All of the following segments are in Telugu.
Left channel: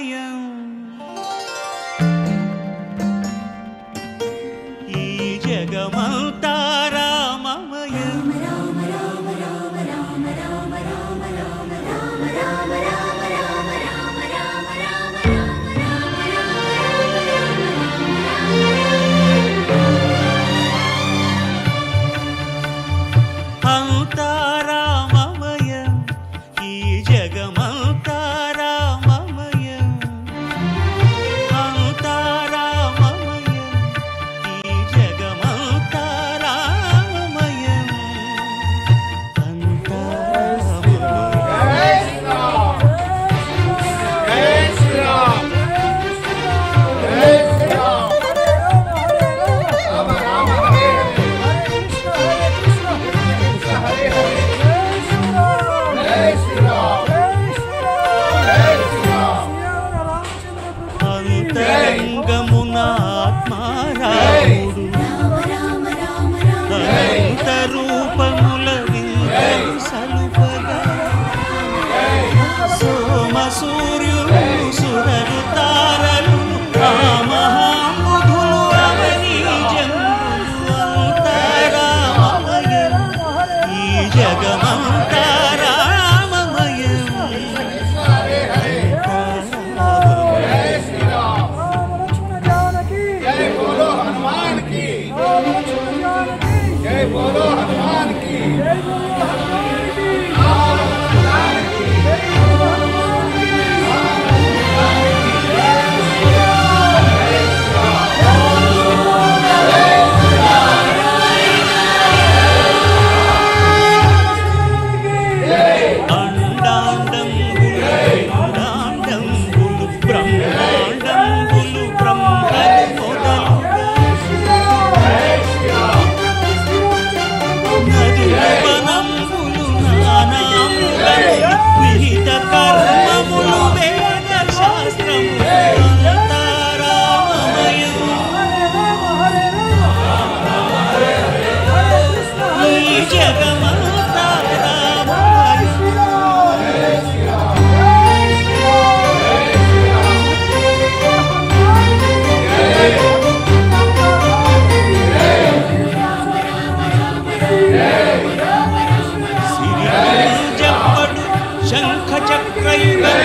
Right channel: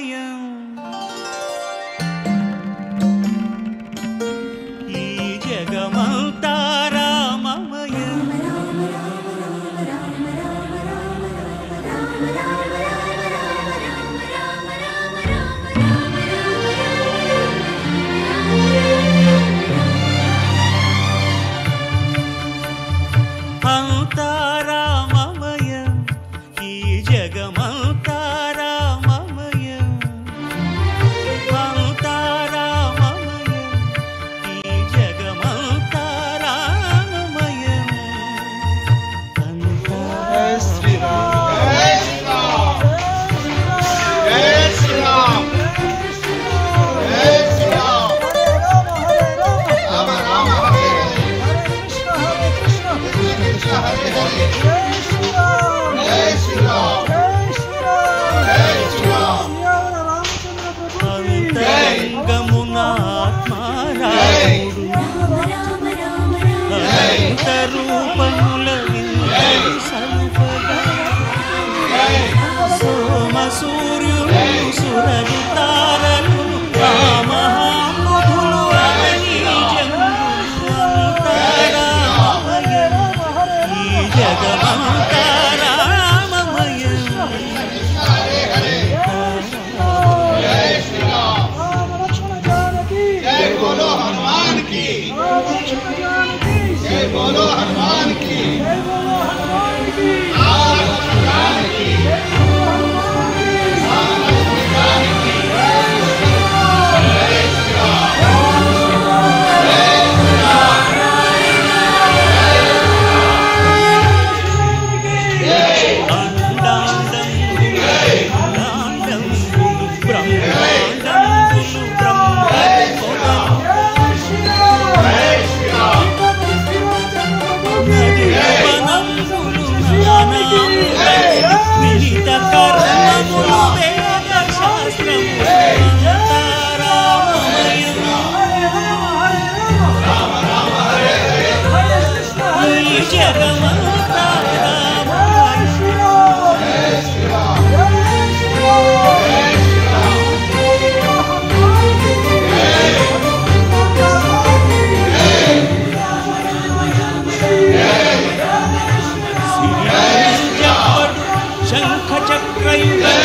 రామమయం ఈ జగమంతా రామమయం అంతా రామమయం ఈ జగమంతా రామమయం అంతా రామమయం ఈ జగమంతా రామమయం అంతా అంతరంగమునాత్మారాముడు అనంత రూపముల వింతలు సలుపగా సోమ సూర్యుడు సురలు తారలు ఆ మహాంబుధులు అవని జంబులు అంతరామమయం ఈ జగమంతా రామమయం విహిత కర్మములు వేద శాస్త్రములు అంతా రామమయం ఈ జగమంతా రామమయం శంఖ చక్రయుగం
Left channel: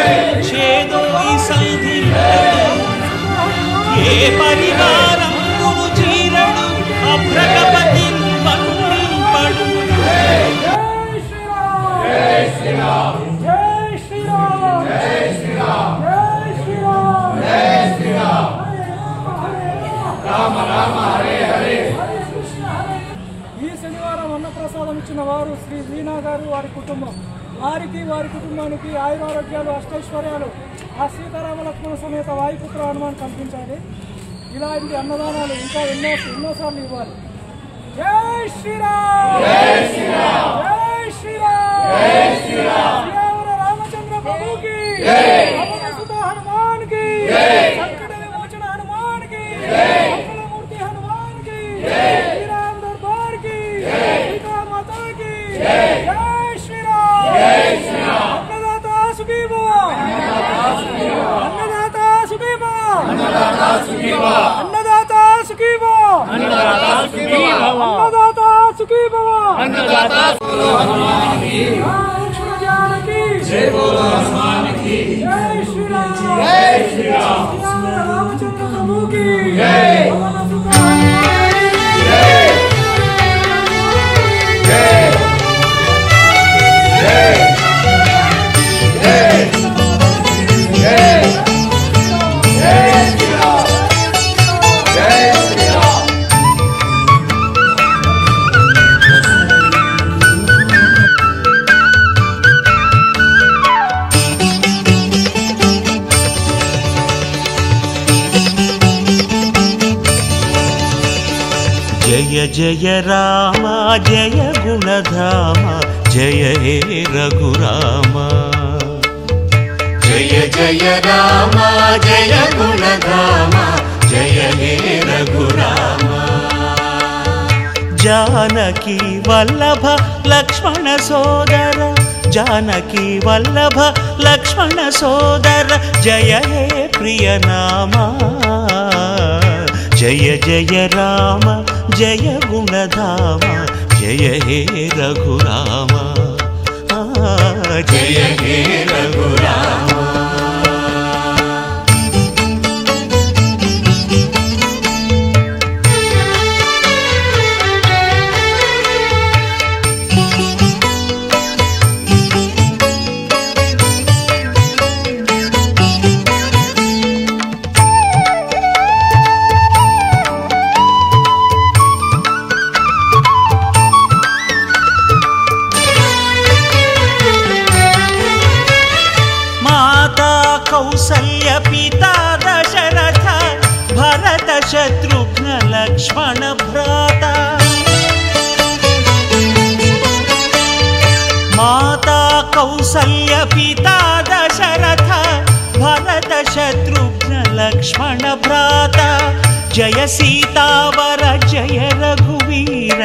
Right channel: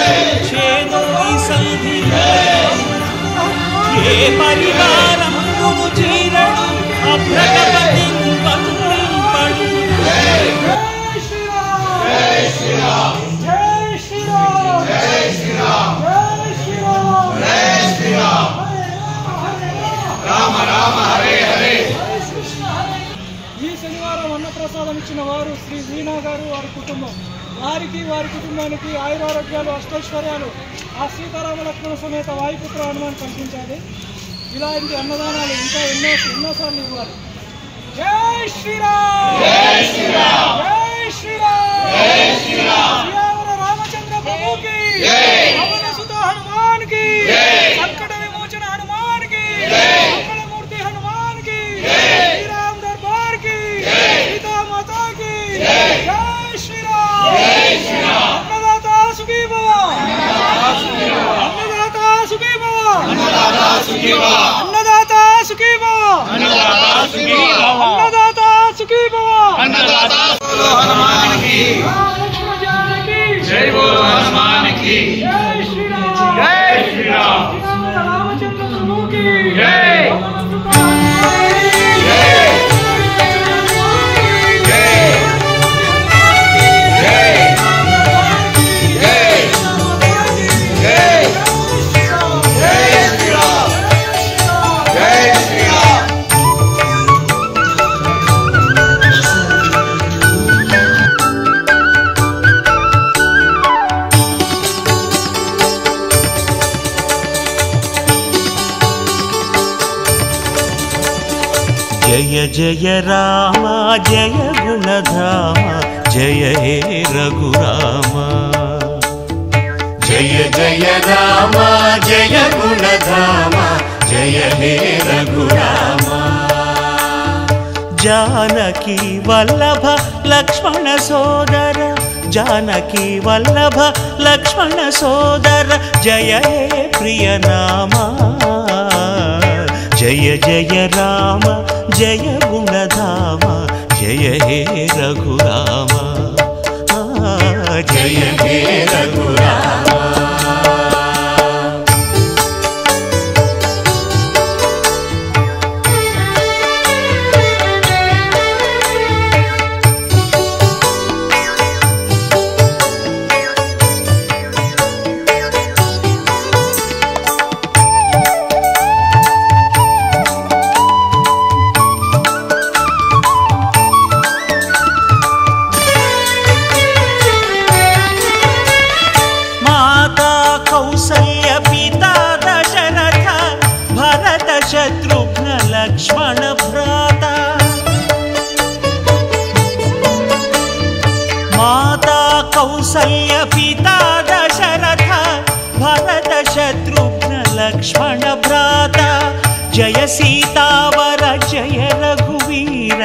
ఛేదోయి సంధి ఏ పరివారంబును చీరడు అభ్రగపతి వందింపడు ఈ శనివారం అన్నప్రసాదం ఇచ్చిన వారు శ్రీ వీణా గారు వారి కుటుంబం. వారికి వారి కుటుంబానికి ఆయురారోగ్యాలు అష్టైశ్వర్యాలు ఆ సీతారామ లక్ష్మణ సమేత వాయుపుత్ర హనుమాన్ కల్పించాలి. ఇలాంటి అన్నదానాలు ఇంకా ఎన్నోసార్లు ఇవ్వాలి. జై శ్రీరామ్ జై శ్రీరామ్ జై శ్రీరామ్ జై శ్రీరామ్ రామచంద్ర ప్రభుకి జై సుత హనుమాన్ కి జై సంకట విమోచన హనుమాన్ కి జై మంగళమూర్తి హనుమాన్ కి జై శ్రీరామ్ దర్బార్ కి జై సీతా మాతా కి జై జై శ్రీరామ్ అన్నదాతా సుఖీ భవ అన్నదాతా సుఖీ భవ అన్నదాతా సుఖీ భవ అన్నదాతా సుఖీ భవ అన్నదాతా సుఖీ భవ అన్నదాతా సుఖీ భవ అన్నదాతా బోలో హనుమాన్ కి జై బోలో హనుమాన్ కి జై శ్రీరామ్ జై శ్రీరామ్ రామచంద్ర ప్రభు కి జై జయ జయ రామ జయ గుణధామ జయ హే రఘురామ జయ జయ రామ జయ గుణధామ జయ హే రఘురామ జానకి వల్లభ లక్ష్మణ సోదర जानकी वल्लभ लक्ष्मण सोदर जय हे प्रिय नामा जय जय राम जय गुणधाम जय हे रघुराम जय हे रघुराम कौसल्य पिता दशरथ भरत शत्रुघ्न लक्ष्मण भ्राता माता कौसल्य पिता दशरथ भरत शत्रुघ्न लक्ष्मण भ्राता जय सीतावर जय रघुवीर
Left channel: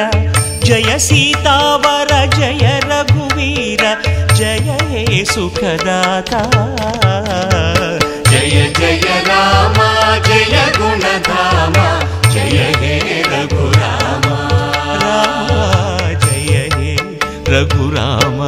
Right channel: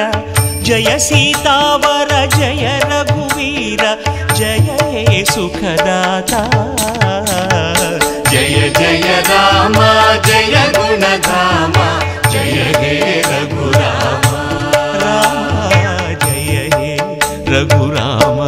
जय सीतावर जय रघुवीर जय हे सुखदाता जय जय राम जय गुणधाम जय हे रघुराम राम जय हे रघुराम